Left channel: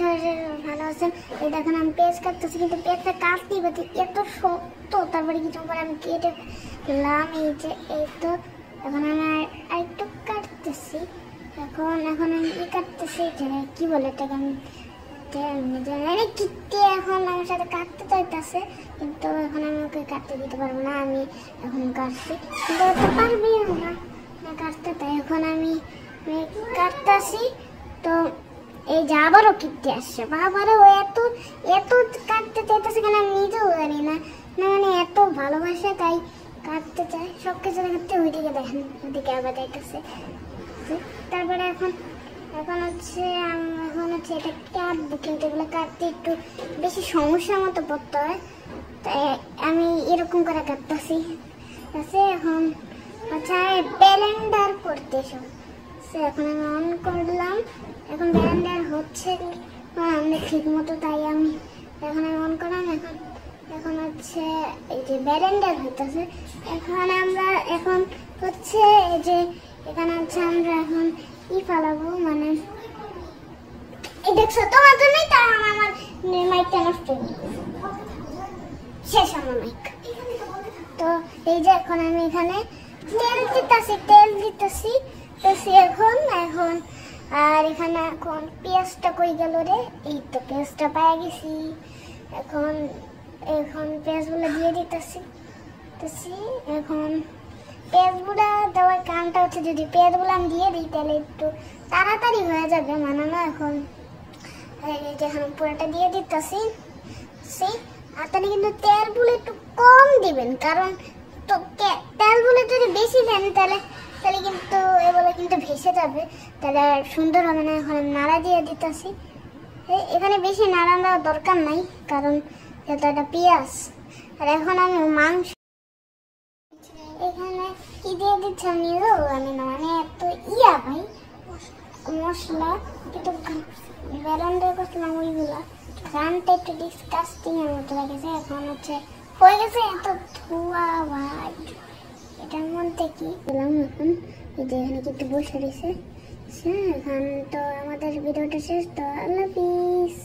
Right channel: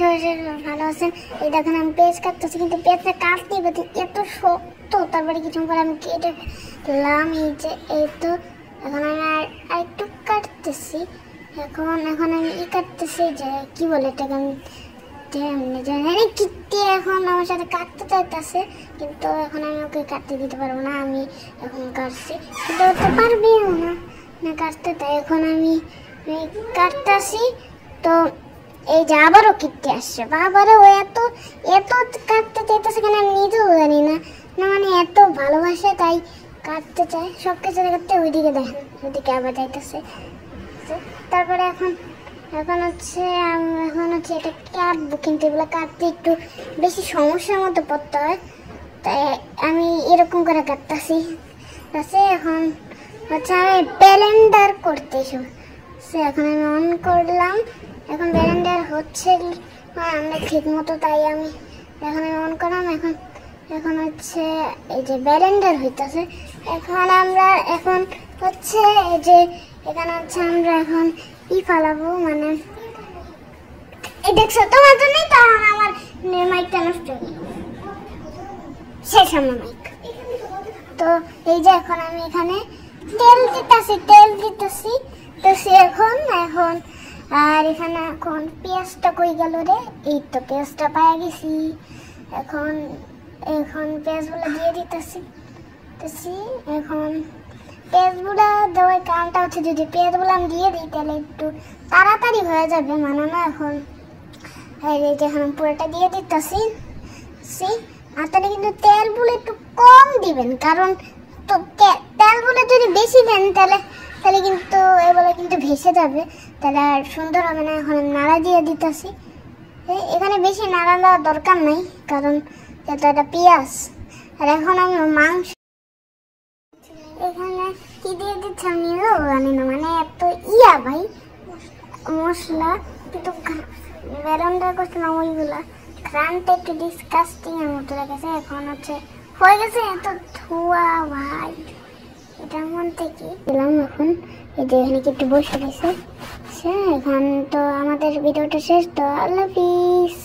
সবাই ভালো আছেন। এই দেখেন আমি পেঁয়াজ কাটতেছি, কিন্তু পেঁয়াজটা কাটতেই পারছি, এত শক্ত। তারপরে কিছুক্ষণ পরে আমি কেটে ফেললাম। এই যে এই তো এখন আমি আর একটু কাটতেছি। এখন আমি কাটতেছি যে কি বলে এটাকে, আমি কিটে এখন আমার সাথে কাটতে চাইতেছে, কিন্তু এখন আমি ওকে কাটতে দিতে পারবো না। আমি এখন কাটছি, তো পারবে না কাটতে, তাই এখন আমি কাটতেছি। তো এই যে আবারও কিটতে আসছে, আবারও এত এত কাটতে চাইতেছে কিনা আমি নিজেও জানি না, মানে এত ভালোবাসে তাই কাটতে চায় সব কিছু কাটতে। ওইদিকে দেখেন, ওইদিকে আবার যাইতেছে। তারপরে এখন হচ্ছে এটা কাটবো, কিন্তু এগুলো কাটতে একটু বেশি সমস্যার মতো পড়তে হয়, তাই আমি এরকম করে কাটতেছি। এখন হচ্ছে আমি ব্লেন্ডার করতে এখন আমি অন করলাম। এখন ব্লেন্ডার হচ্ছে আমরা ঠিক মতো, তাই আমি অন করলাম। এখন হচ্ছে এই যে ব্লেন্ডার হইতেছে। এখন হচ্ছে এই যে এখানে হচ্ছে আমরা এখন ফালাবো, মানে দেখছো তোমার জন্য, তখন আমার মাইকটা নষ্ট হয়ে গেল, শেষ আমার মাইক। তো এই যে এখন আমি এখানে তেল দিতেছি এখন আর এখানে এখন পেঁয়াজটা কই গেল রে, এই তো পেঁয়াজটা পাই গেছি। এখন পেঁয়াজগুলো দিয়ে দিতেছি। এখন পেঁয়াজগুলো দেওয়ার কারণটা হচ্ছে, যদি পেঁয়াজগুলো আমি দিয়ে দিই তাহলে একটু তাড়াতাড়ি হয়ে যাবে মানানো। এখন পুরোটা দিয়ে দিতেছি। আর তাহলে কিন্তু তেলগুলো একটু কম দিবেন, কারণ তো তেলগুলো যদি বেশি দেন তাহলে কিন্তু এগুলো কিন্তু ভেসে যাবে, তাহলে আর সুন্দর হবে না। এখন নাড়া দিয়ে দিতেছি। এখানে বেশি নাড়া দেওয়ার দরকার নাই, কারণ এটা পেঁয়াজ। আর এখন আমি মাংস এখানে কি দিয়ে দিচ্ছি আমি জানি না, মানে এত ভাই মশলা, কিন্তু ব্লেন্ডার করছে না ওইগুলা, ঘ্রাণটা একটু ডিসকাস্টিং এর মতো লাগেছে। এখন হচ্ছে হয়ে গেছে, এত ধোয়া ভাই, এটার মধ্যে কি দিলাম। এখন এই যে এখানে কি একটু বসে গেছে। এখন তো আমাদের ভিডিওটা শেষ, তো আল্লাহ হাফিজ।